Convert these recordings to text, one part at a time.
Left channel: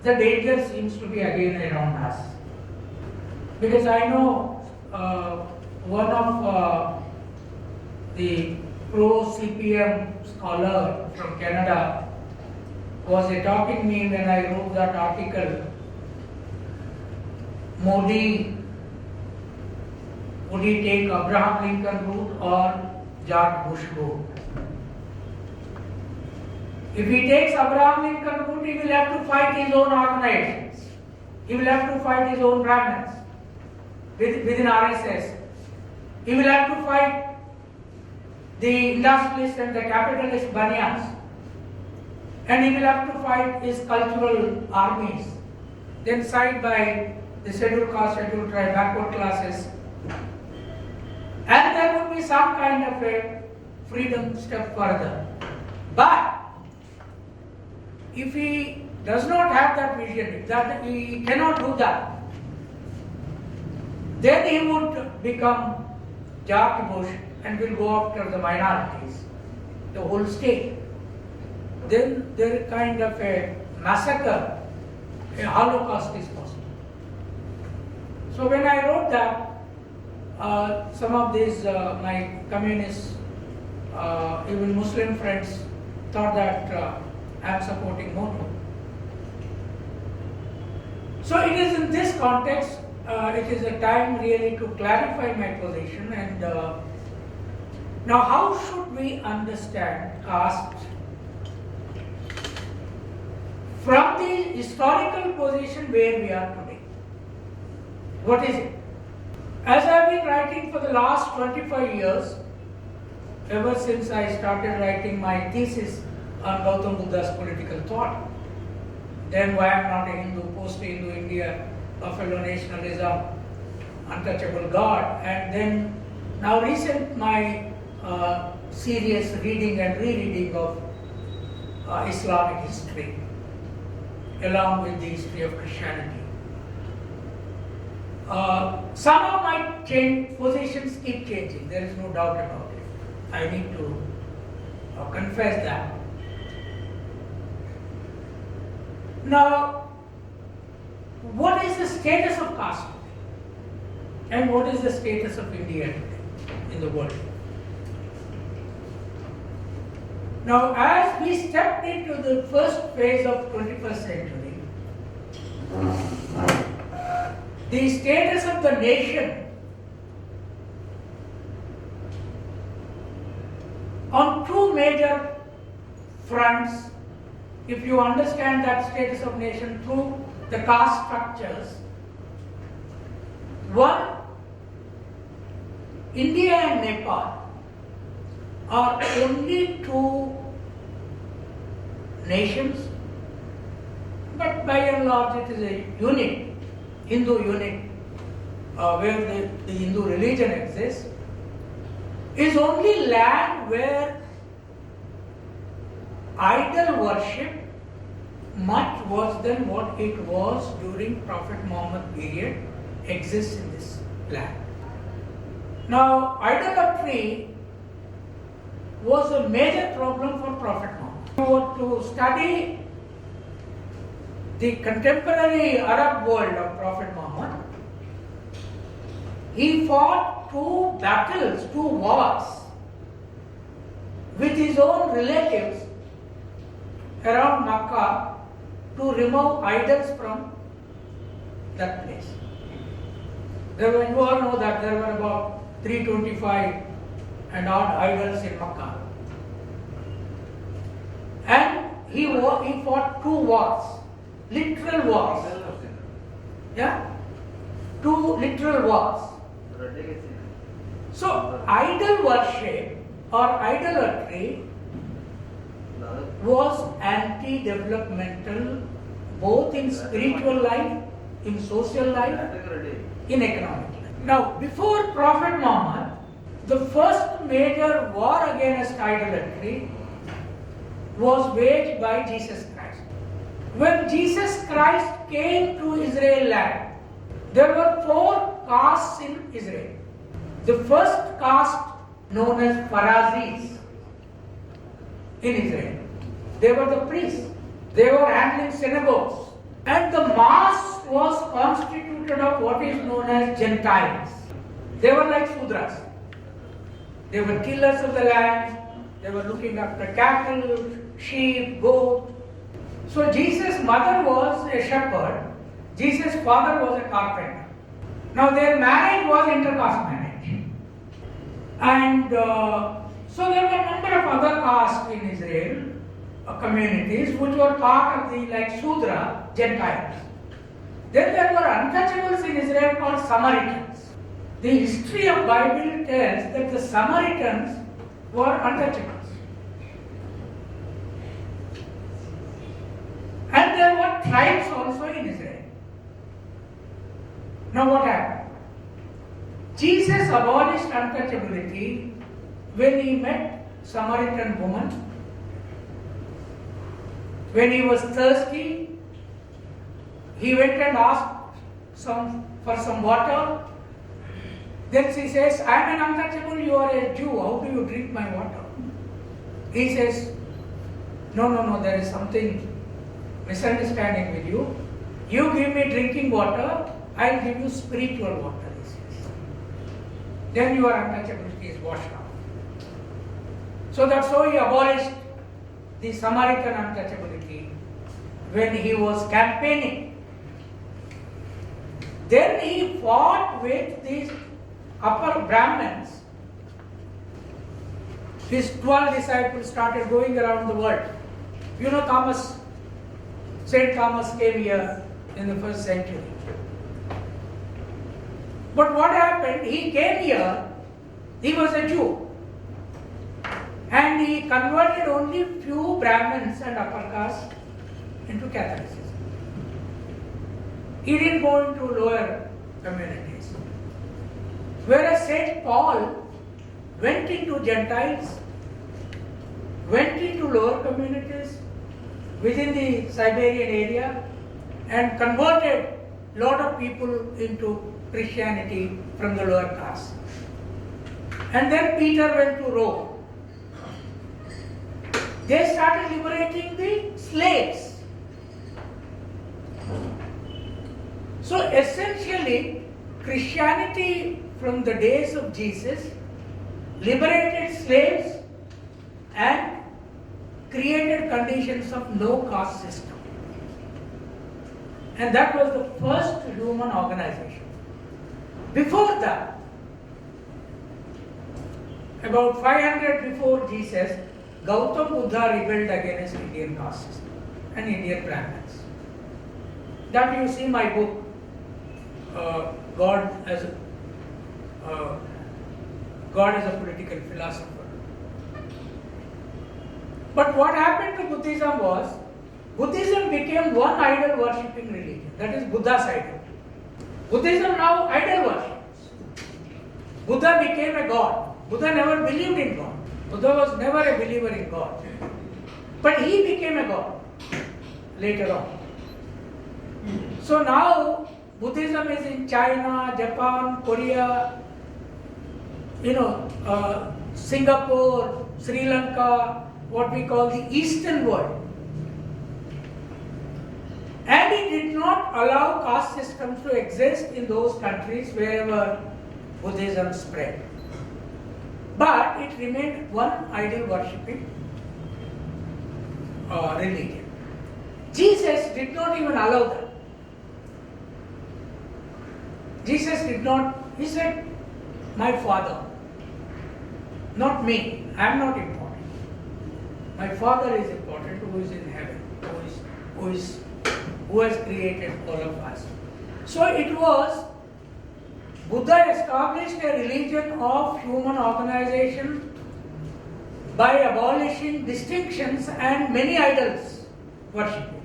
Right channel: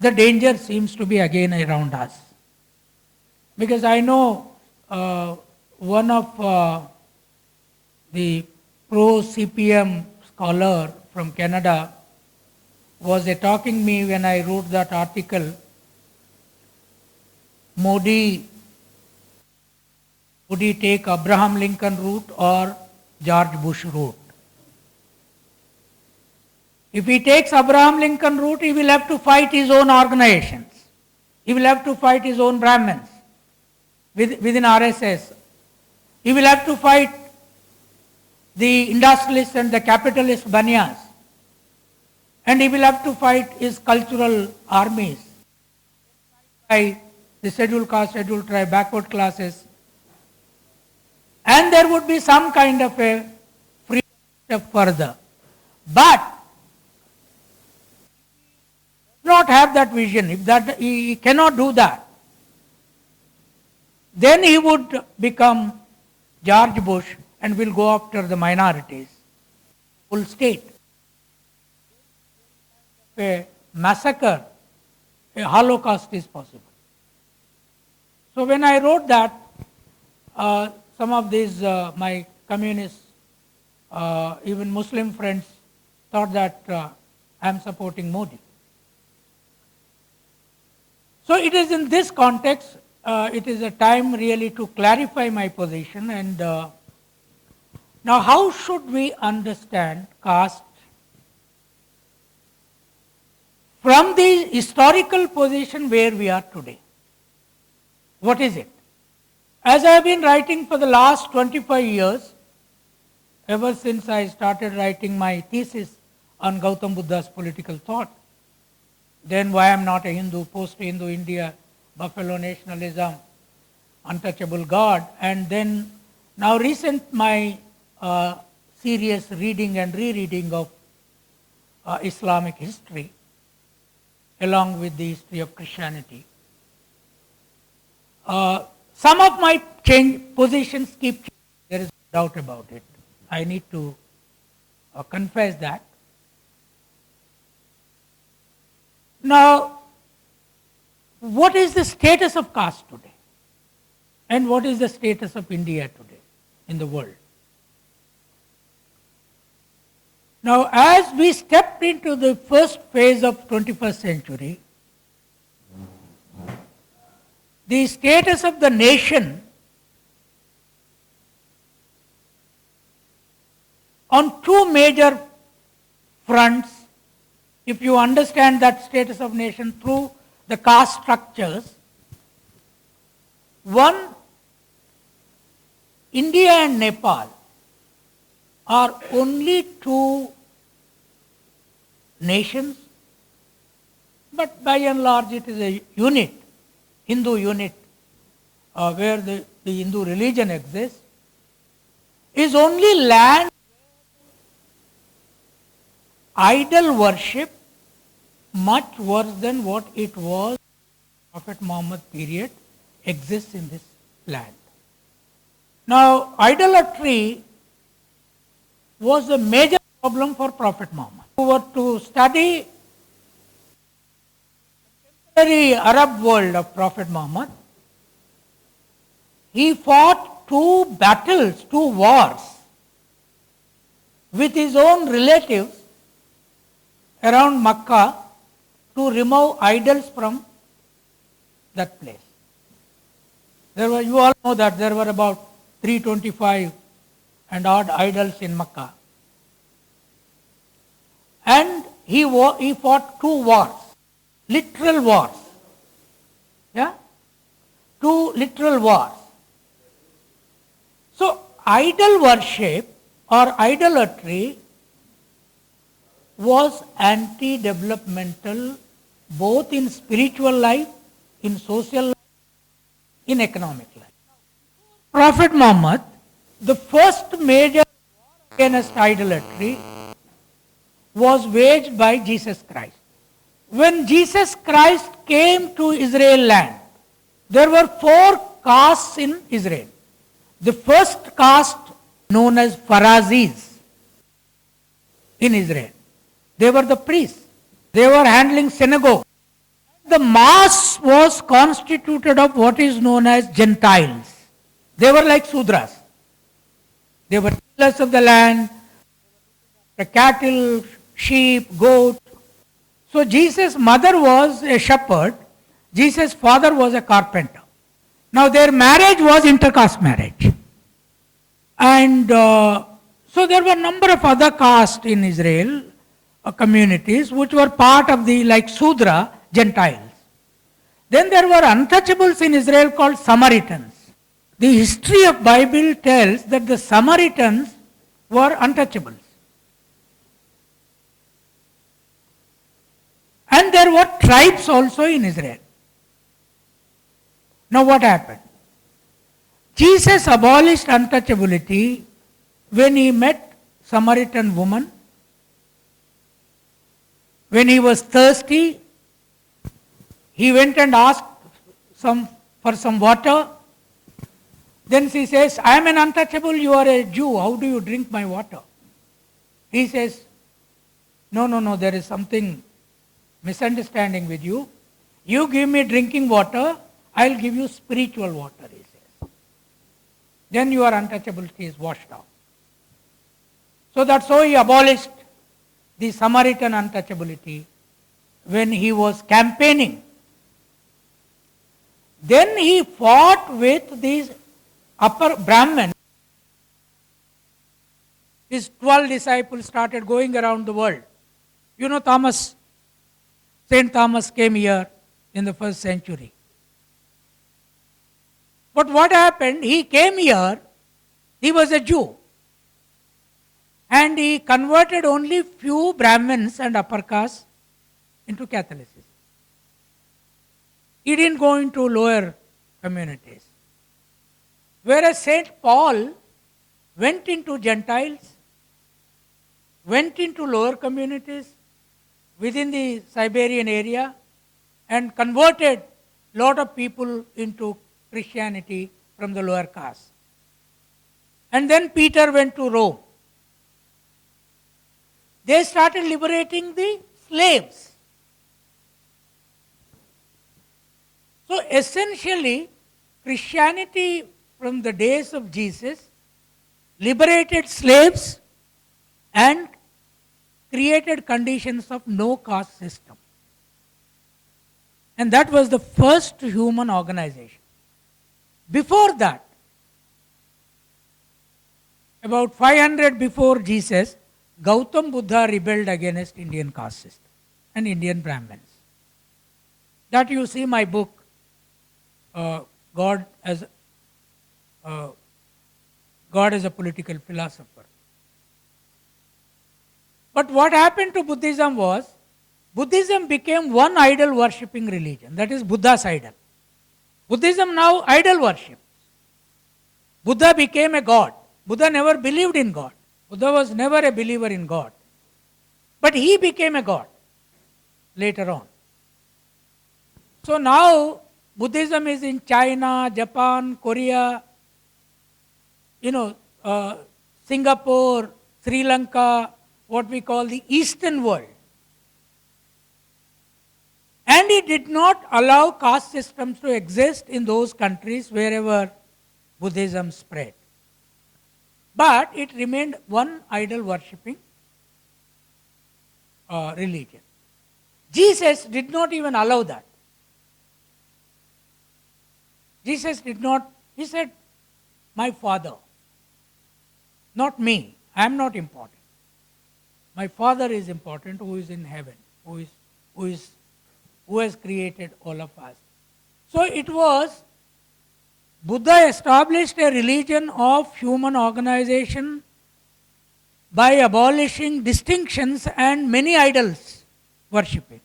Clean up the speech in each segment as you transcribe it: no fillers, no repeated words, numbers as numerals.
the danger seems to be again around us. Because I know one of the pro-CPM scholar from Canada was talking me when I wrote that article, Modi, would he take Abraham Lincoln route or George Bush route? If he takes Abraham Lincoln route, he will have to fight his own organizations. He will have to fight his own Brahmins within RSS. He will have to fight the industrialists and the capitalist banyas. And he will have to fight his cultural armies. Then side by the scheduled caste, scheduled tribe, backward classes. And there would be some kind of a freedom step further. But if he does not have that vision, if that he cannot do that, then he would become George Bush and will go after the minorities, the whole state. Then there is kind of a massacre, a holocaust is possible. So when I wrote that, some of these my communists, even Muslim friends, thought that I am supporting Modi. So it is in this context, it is a time really to clarify my position. And now how should we understand caste from the historical position where we are today? What is it? As I have been writing for the last 25 years, ever since I started writing my thesis on Gautam Buddha's political thought, then why I am not a Hindu, post-Hindu India, buffalo nationalism, untouchable God, and then now recent my serious reading and rereading of Islamic history along with the history of Christianity. Some of my positions keep changing, there is no doubt about it. I need to confess that. Now, what is the status of caste today? And what is the status of India today in the world? Now, as we stepped into the first phase of 21st century, the status of the nation on two major fronts, if you understand that status of nation through the caste structures, one, India and Nepal are only two nations, but by and large it is a unit, Hindu unit, where the Hindu religion exists, is only land where idol worship, much worse than what it was during Prophet Muhammad period, exists in this land. Now, idolatry was a major problem for Prophet Muhammad. If you were to study the contemporary Arab world of Prophet Muhammad, he fought two battles, two wars with his own relatives around Makkah to remove idols from that place. You all know that there were about 325 and odd idols in Makkah. And he fought two wars, literal wars. Yeah? Two literal wars. So, idol worship or idolatry was anti-developmental both in spiritual life, in social life, in economic life. Now, before Prophet Muhammad, the first major war against idolatry was waged by Jesus Christ. When Jesus Christ came to Israel land, there were 4 castes in Israel. The first caste known as Pharisees in Israel. They were the priests. They were handling synagogues. And the mass was constituted of what is known as Gentiles. They were like Sudras. They were tillers of the land. They were looking after cattle, sheep, goat. So Jesus' mother was a shepherd. Jesus' father was a carpenter. Now their marriage was intercaste marriage. And so there were a number of other castes in Israel, communities, which were part of the, like Sudra, Gentiles. Then there were untouchables in Israel called Samaritans. The history of Bible tells that the Samaritans were untouchables. And there were tribes also in Israel. Now what happened? Jesus abolished untouchability when he met Samaritan woman. When he was thirsty, he went and asked for some water. Then she says, I am an untouchable, you are a Jew, how do you drink my water? He says, no, there is something misunderstanding with you. You give me drinking water, I will give you spiritual water. He says. Then your untouchability is washed out. So that's how he abolished the Samaritan untouchability when he was campaigning. Then he fought with these upper Brahmins. His 12 disciples started going around the world. You know St. Thomas came here in the 1st century. But what happened? He came here, he was a Jew. And he converted only few Brahmins and upper caste into Catholicism. He didn't go into lower communities. Whereas St. Paul went into Gentiles, went into lower communities within the Siberian area and converted a lot of people into Christianity from the lower caste. And then Peter went to Rome. They started liberating the slaves. So essentially, Christianity from the days of Jesus liberated slaves and created conditions of no caste system. And that was the first human organization. Before that, about 500 before Jesus, Gautam Buddha rebelled against Indian caste system and Indian Brahmins. That you see my book, God as a political philosopher. But what happened to Buddhism was, Buddhism became one idol worshipping religion, that is Buddha's idol. Buddhism now idol worships. Buddha became a god. Buddha never believed in God. Buddha was never a believer in God. But he became a god later on. So now Buddhism is in China, Japan, Korea, Singapore, Sri Lanka, what we call the Eastern world. And it did not allow caste systems to exist in those countries wherever Buddhism spread. But it remained one idol worshipping religion. Jesus did not even allow that. Jesus did not, he said, my Father, not me, I am not important. My Father is important who is in heaven, who has created all of us. So it was, Buddha established a religion of human organization by abolishing distinctions and many idols worshipping.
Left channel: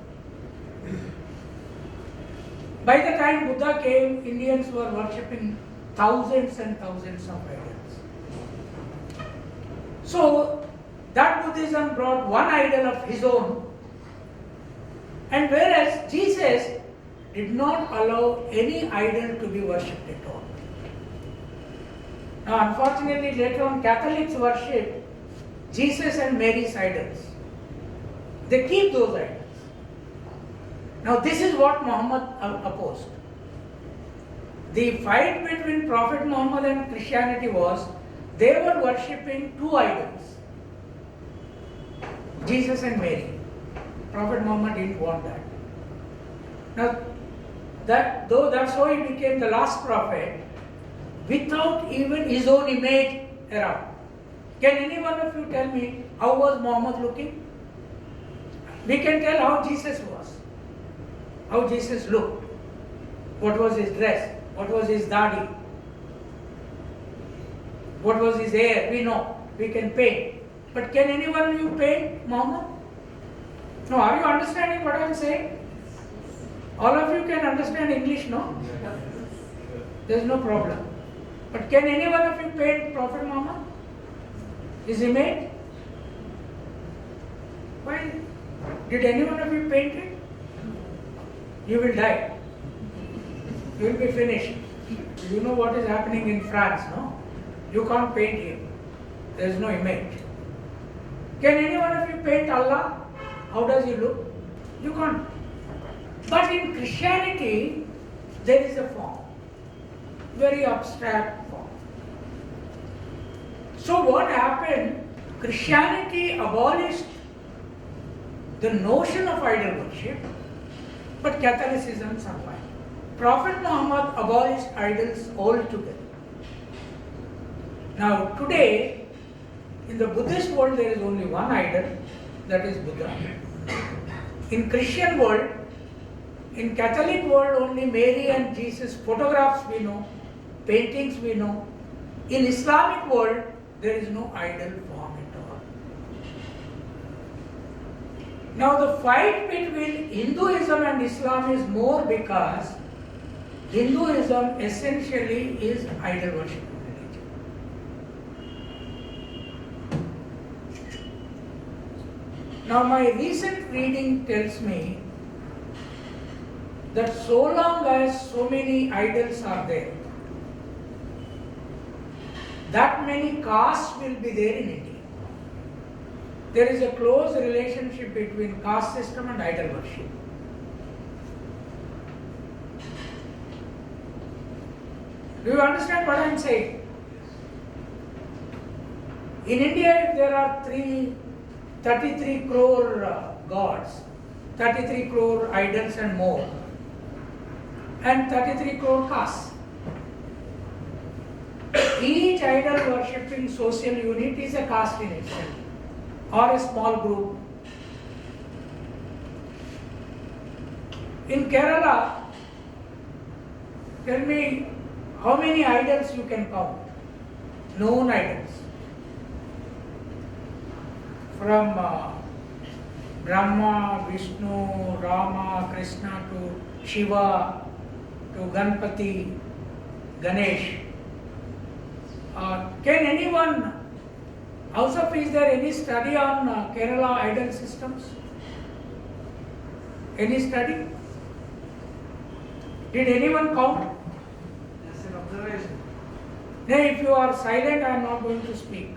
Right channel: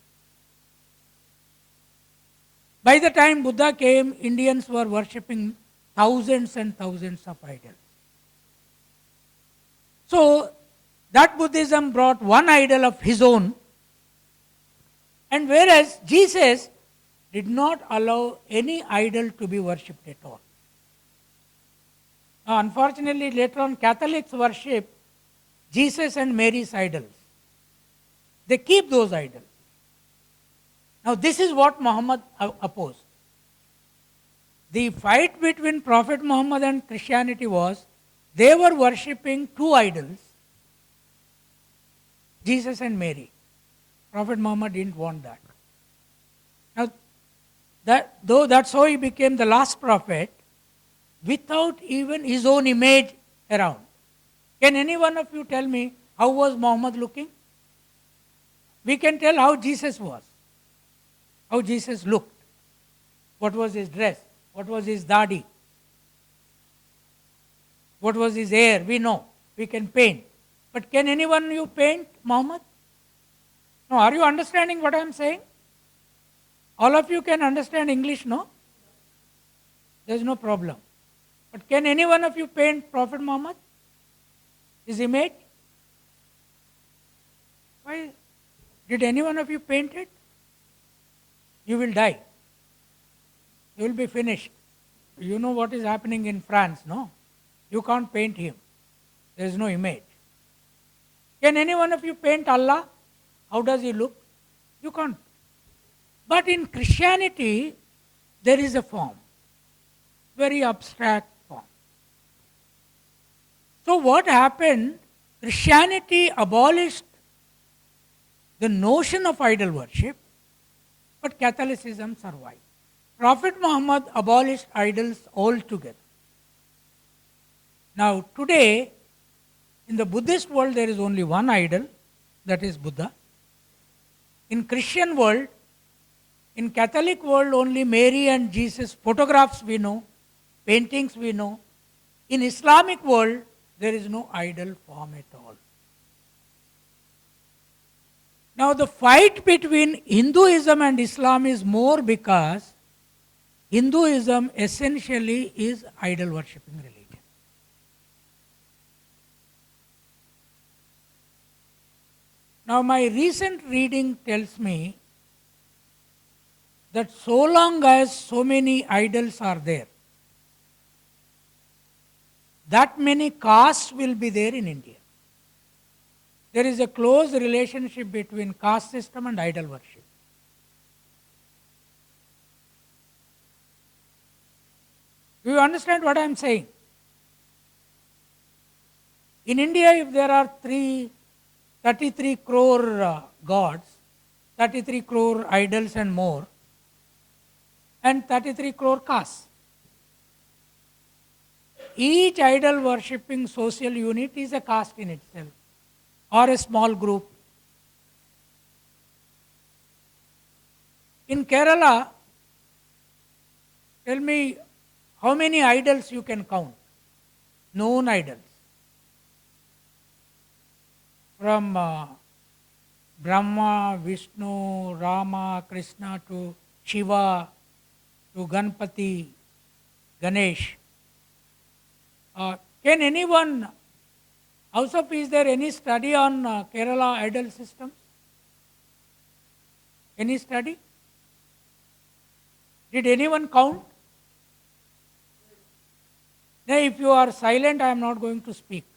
By the time Buddha came, Indians were worshipping thousands and thousands of idols. So that Buddhism brought one idol of his own, and whereas Jesus did not allow any idol to be worshipped at all. Now unfortunately later on Catholics worship Jesus and Mary's idols. They keep those idols. Now this is what Muhammad opposed. The fight between Prophet Muhammad and Christianity was, they were worshipping two idols, Jesus and Mary. Prophet Muhammad didn't want that. Now, that's how he became the last prophet, without even his own image around. Can any one of you tell me how was Muhammad looking? We can tell how Jesus was, how Jesus looked, what was his dress, what was his dadi, what was his hair, we know, we can paint. But can any one of you paint Muhammad? No, are you understanding what I am saying? All of you can understand English, no? There is no problem. But can any one of you paint Prophet Muhammad? His image? Why? Did any one of you paint it? You will die. You will be finished. You know what is happening in France, no? You can't paint him. There is no image. Can any one of you paint Allah? How does he look? You can't. But in Christianity, there is a form. Very abstract form. So what happened? Christianity abolished the notion of idol worship, but Catholicism survived. Prophet Muhammad abolished idols altogether. Now today, in the Buddhist world, there is only one idol, that is Buddha. In Christian world, in Catholic world, only Mary and Jesus photographs we know, paintings we know. In Islamic world, there is no idol form at all. Now the fight between Hinduism and Islam is more because Hinduism essentially is idol worship. Now my recent reading tells me that so long as so many idols are there, that many castes will be there in India. There is a close relationship between caste system and idol worship. Do you understand what I am saying? In India, if there are 33 crore gods, 33 crore idols and more, and 33 crore castes. Each idol worshipping social unit is a caste in itself, or a small group. In Kerala, tell me how many idols you can count, known idols. From Brahma, Vishnu, Rama, Krishna to Shiva, to Ganpati, Ganesh. Can anyone, also is there any study on Kerala idol systems? Any study? Did anyone count? Just an observation. Then if you are silent, I am not going to speak.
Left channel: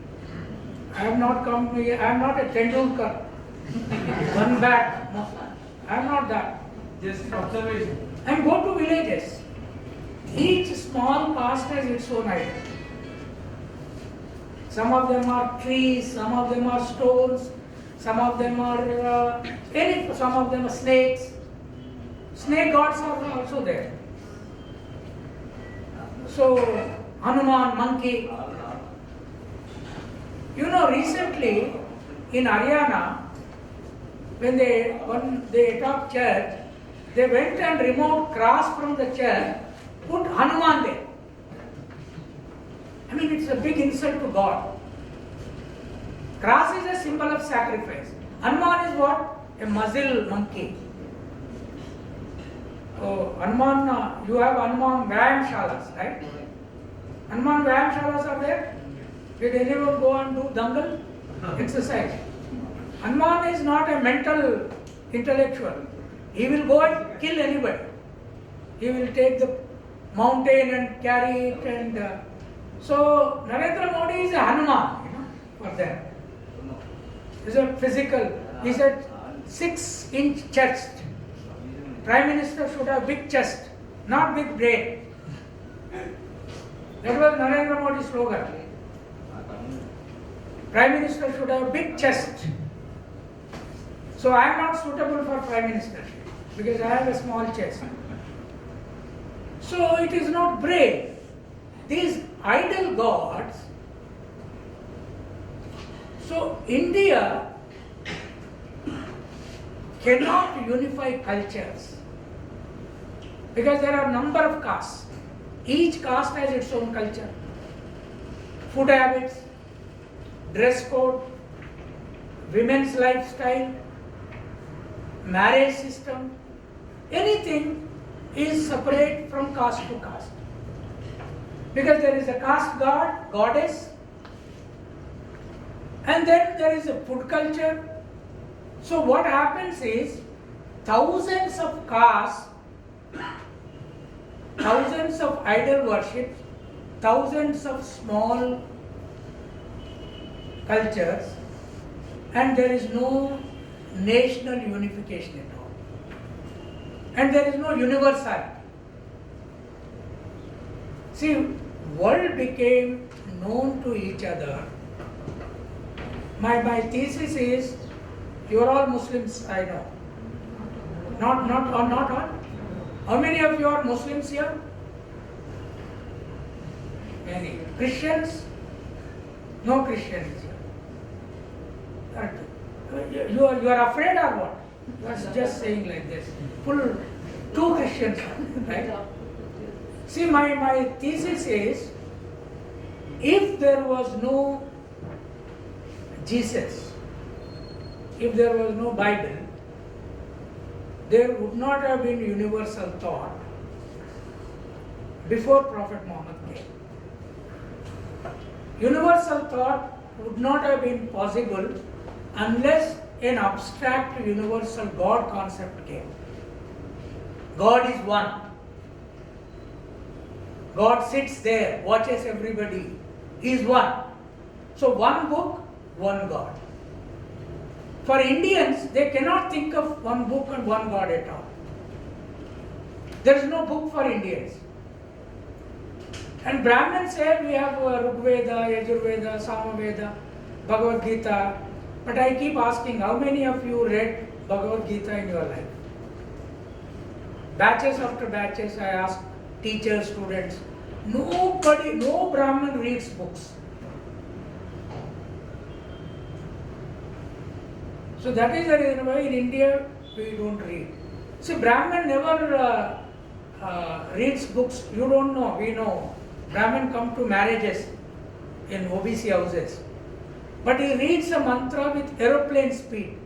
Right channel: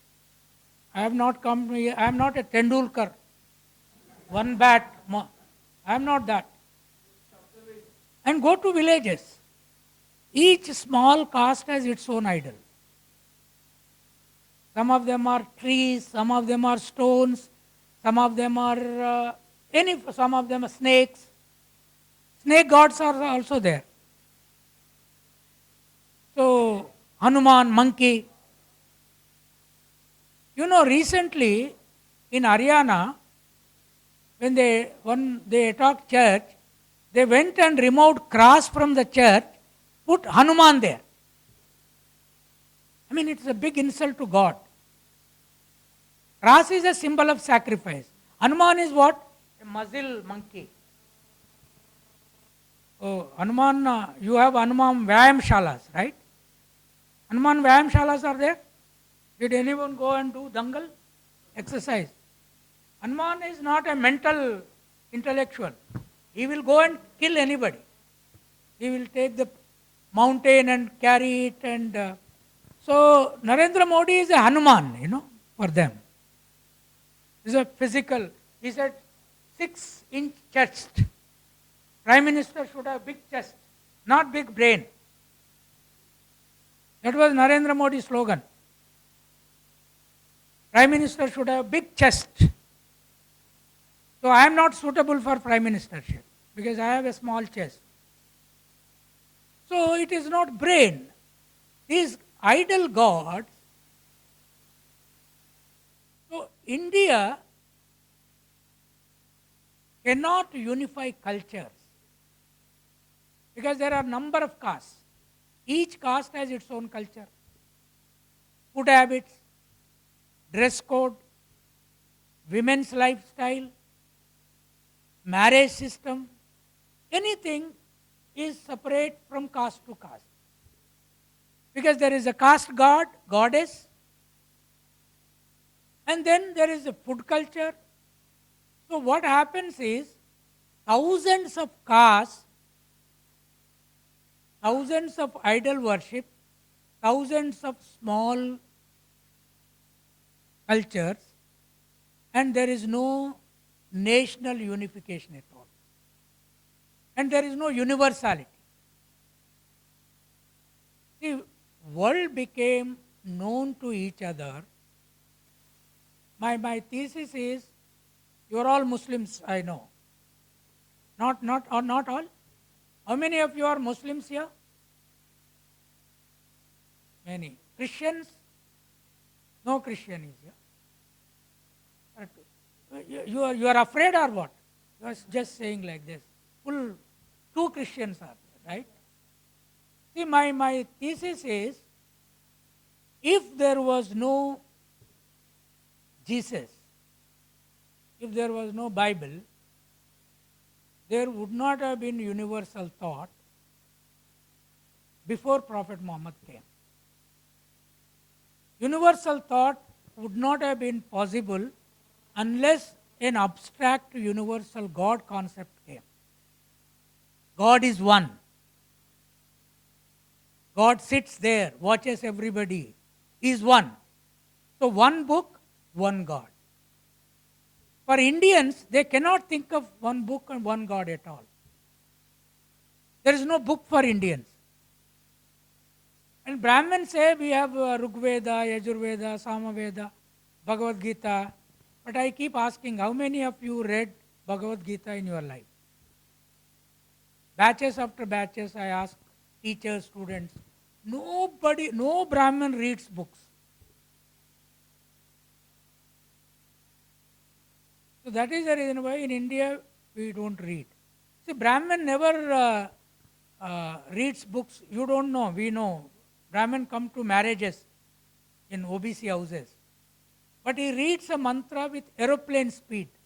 I have not come here, I am not a Tendulkar, one bat, I am not that. Just an observation. And go to villages. Each small caste has its own idol. Some of them are trees, some of them are stones, some of them are some of them are snakes. Snake gods are also there. So Hanuman, monkey. You know, recently in Haryana, when they talked church, they went and removed cross from the church, put Hanuman there. I mean, it's a big insult to God. Cross is a symbol of sacrifice. Hanuman is what? A muzzle monkey. So, Hanuman, you have Hanuman Vyayam Shalas, right? Hanuman Vyayam Shalas are there? Did anyone go and do dangal? Exercise. Hanuman is not a mental intellectual. He will go and kill anybody. He will take the mountain and carry it and so Narendra Modi is a Hanuman, you know, for them. He's a physical, he's a 6-inch chest. Prime Minister should have big chest, not big brain. That was Narendra Modi's slogan. Prime Minister should have big chest. So I am not suitable for Prime Ministership because I have a small chest. So it is not brain. These idol gods. So India cannot unify cultures because there are number of castes. Each caste has its own culture, food habits, dress code, women's lifestyle, marriage system. Anything is separate from caste to caste. Because there is a caste god, goddess, and then there is a food culture. So what happens is thousands of castes, thousands of idol worship, thousands of small cultures, and there is no national unification at all. And there is no universality. See, world became known to each other. My thesis is, you are all Muslims, I know. Not all? How many of you are Muslims here? Many. Christians? No Christians here. You are afraid or what? You are just saying like this. Full 2 Christians, right? See, my thesis is, if there was no Jesus, if there was no Bible, there would not have been universal thought before Prophet Muhammad came. Universal thought would not have been possible unless an abstract universal God concept came. God is one. God sits there, watches everybody, is one. So one book, one God. For Indians, they cannot think of one book and one God at all. There is no book for Indians. And Brahmins say we have Rig Veda, Yajurveda, Samaveda, Bhagavad Gita. But I keep asking, how many of you read Bhagavad Gita in your life? Batches after batches, I ask teachers, students. Nobody, no Brahmin reads books. So that is the reason why in India we don't read. See, Brahmin never reads books. You don't know, we know. Brahmin come to marriages in OBC houses. But he reads a mantra with aeroplane speed.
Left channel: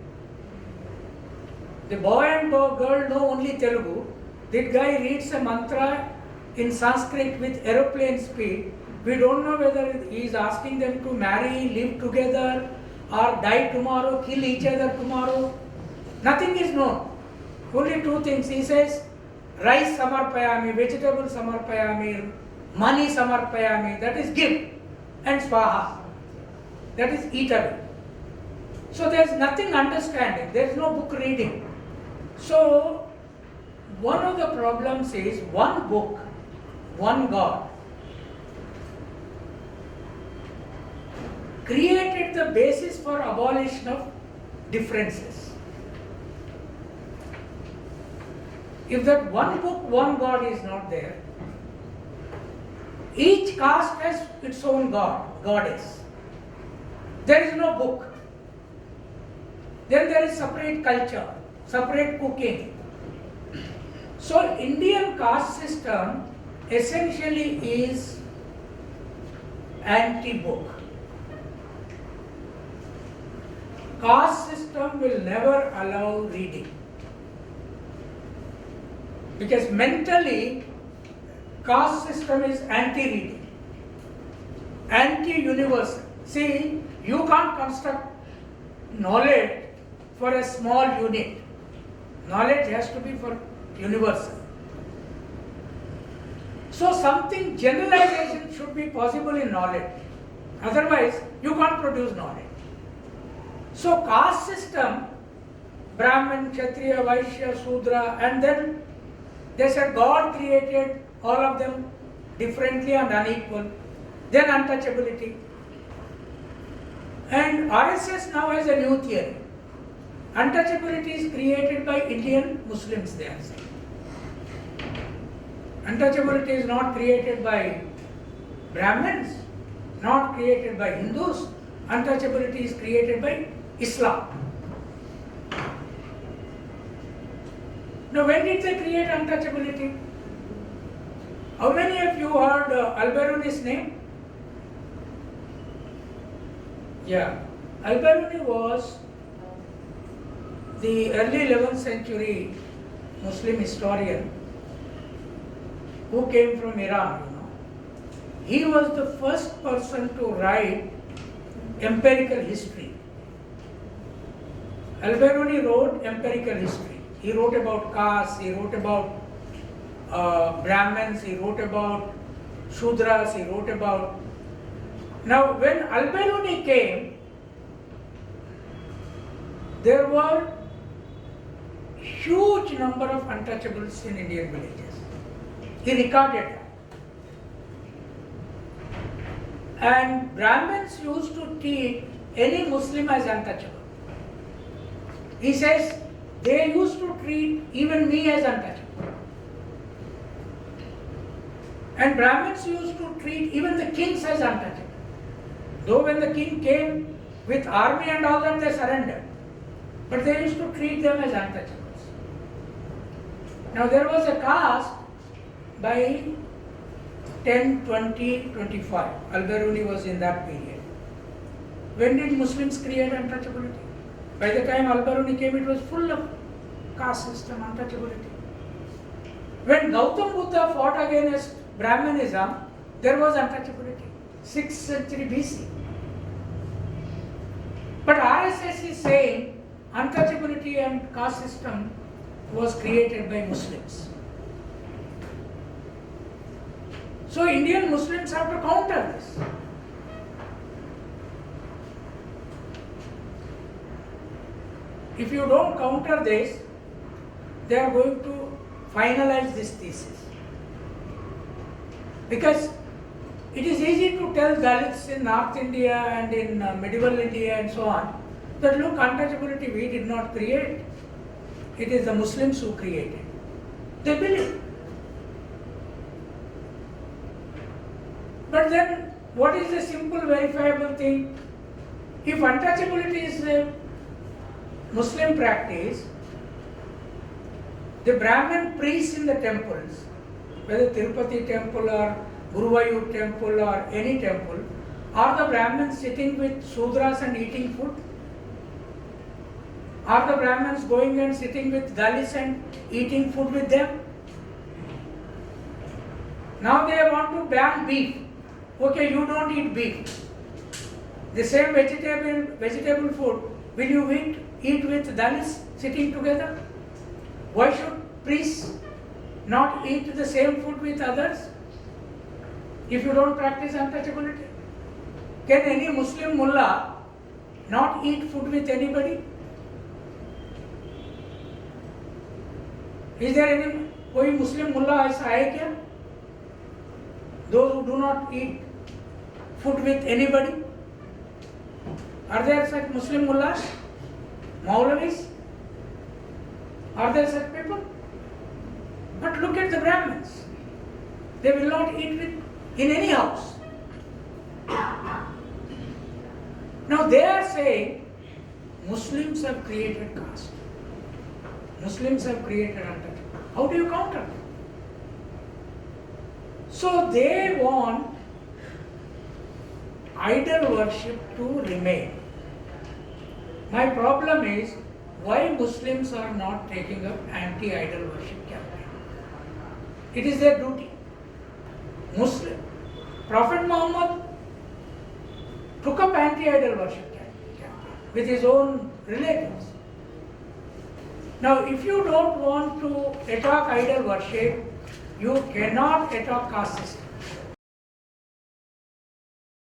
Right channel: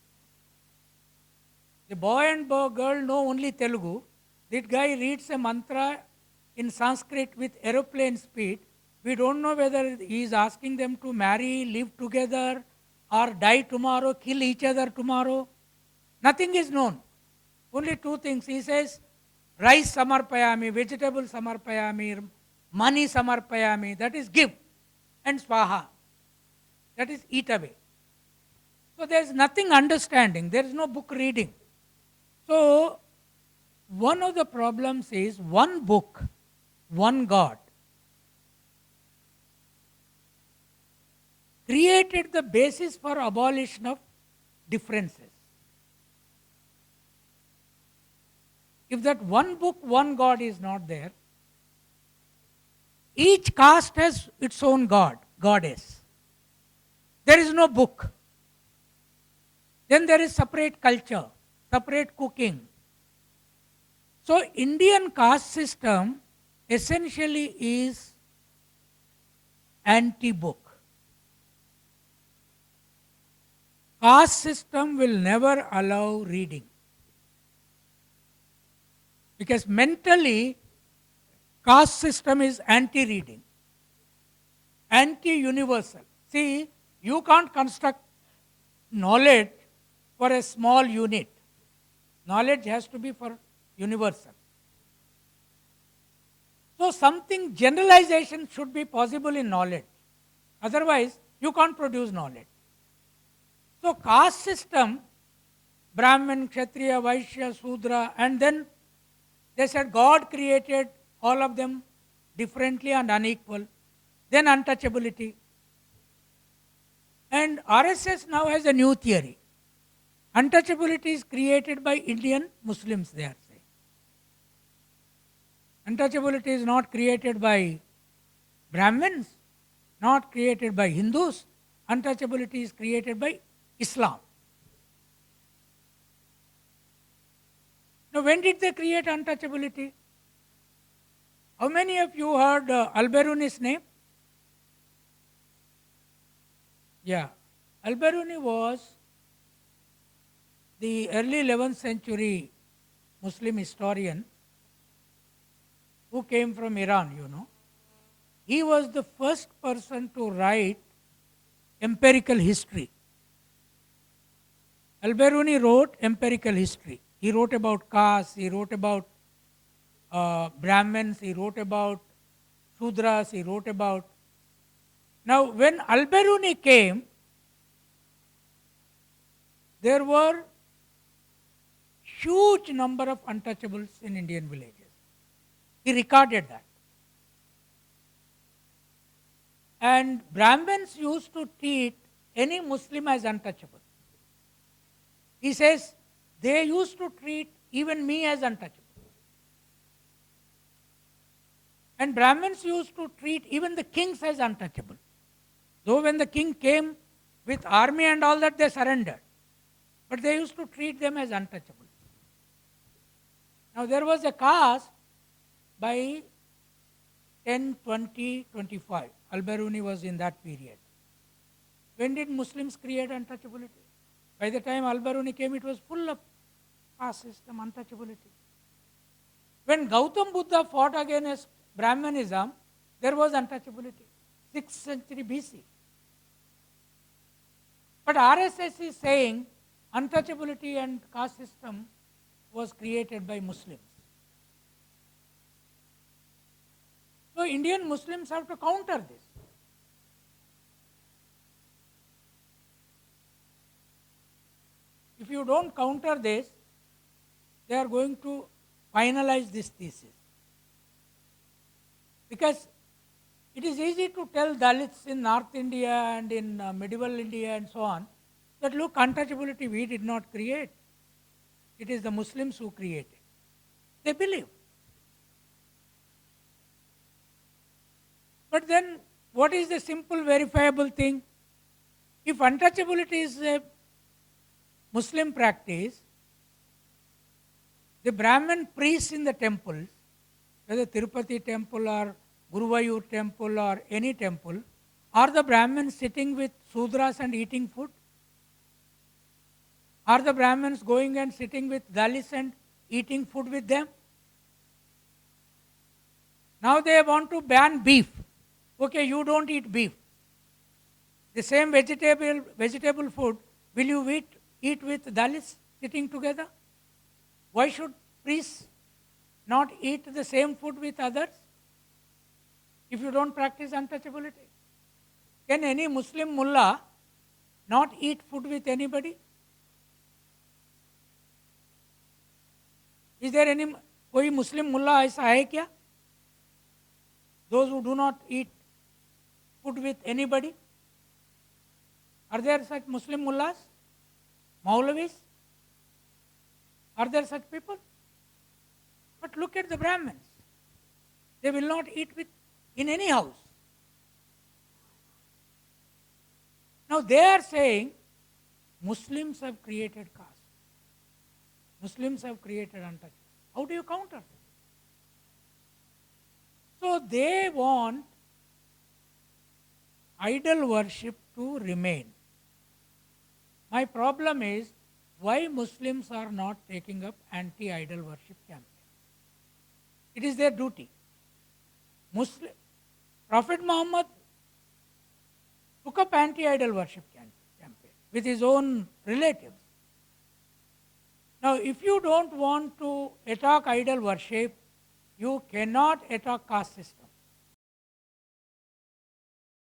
The boy and girl know only Telugu. That guy reads a mantra in Sanskrit with aeroplane speed. We don't know whether he is asking them to marry, live together, or die tomorrow, kill each other tomorrow. Nothing is known. Only 2 things. He says, rice samarpayami, vegetable samarpayami, money samarpayami, that is give, and swaha, that is eatable. So there is nothing understanding, there is no book reading. So one of the problems is one book, one God created the basis for abolition of differences. If that one book, one God is not there, each caste has its own God, goddess. There is no book. Then there is separate culture, separate cooking. So Indian caste system essentially is anti-book. Caste system will never allow reading. Because mentally, caste system is anti-reading, anti-universal. See, you can't construct knowledge for a small unit. Knowledge has to be for universal. So something, generalization should be possible in knowledge. Otherwise, you can't produce knowledge. So caste system, Brahman, Kshatriya, Vaishya, Sudra, and then they said God created all of them differently and unequal. Then untouchability. And RSS now has a new theory. Untouchability is created by Indian Muslims, they are saying. Untouchability is not created by Brahmins, not created by Hindus. Untouchability is created by Islam. Now, when did they create untouchability? How many of you heard Al-Biruni's name? Yeah. Al-Biruni was the early 11th century Muslim historian who came from Iran, you know. He was the first person to write empirical history. Al-Biruni wrote empirical history. He wrote about caste, he wrote about Brahmins, he wrote about Shudras, he wrote about... Now, when Al-Biruni came, there were huge number of untouchables in Indian villages. He recorded that. And Brahmins used to treat any Muslim as untouchable. He says, they used to treat even me as untouchable. And Brahmins used to treat even the kings as untouchable. Though when the king came with army and all that, they surrendered. But they used to treat them as untouchables. Now there was a caste by 10, 20, 25. Al-Biruni was in that period. When did Muslims create untouchability? By the time Al-Biruni came, it was full of caste system, untouchability. When Gautam Buddha fought against Brahmanism, there was untouchability. 6th century BC. But RSS is saying untouchability and caste system was created by Muslims. So Indian Muslims have to counter this. If you don't counter this, they are going to finalize this thesis. Because it is easy to tell Dalits in North India and in medieval India and so on, that look, untouchability we did not create. It is the Muslims who created. They believe. But then, what is the simple verifiable thing? If untouchability is a Muslim practice, the Brahmin priests in the temples, whether Tirupati temple or Guruvayur temple or any temple, are the Brahmins sitting with Sudras and eating food? Are the Brahmins going and sitting with Dalits and eating food with them? Now they want to ban beef. Okay, you don't eat beef. The same vegetable food, will you eat with Dalits sitting together? Why should priests not eat the same food with others? If you don't practice untouchability, can any Muslim mullah not eat food with anybody? Is there any कोई Muslim mullah ऐसा है क्या? Those who do not eat food with anybody? Are there such Muslim mullahs? Maulavis? Are there such people? But look at the Brahmins. They will not eat in any house. Now they are saying Muslims have created caste. Muslims have created untouchability. How do you counter? So they want idol worship to remain. My problem is why Muslims are not taking up anti-idol worship campaign. It is their duty. Muslim. Prophet Muhammad took up anti-idol worship campaign with his own relatives. Now, if you don't want to attack idol worship, you cannot attack caste system.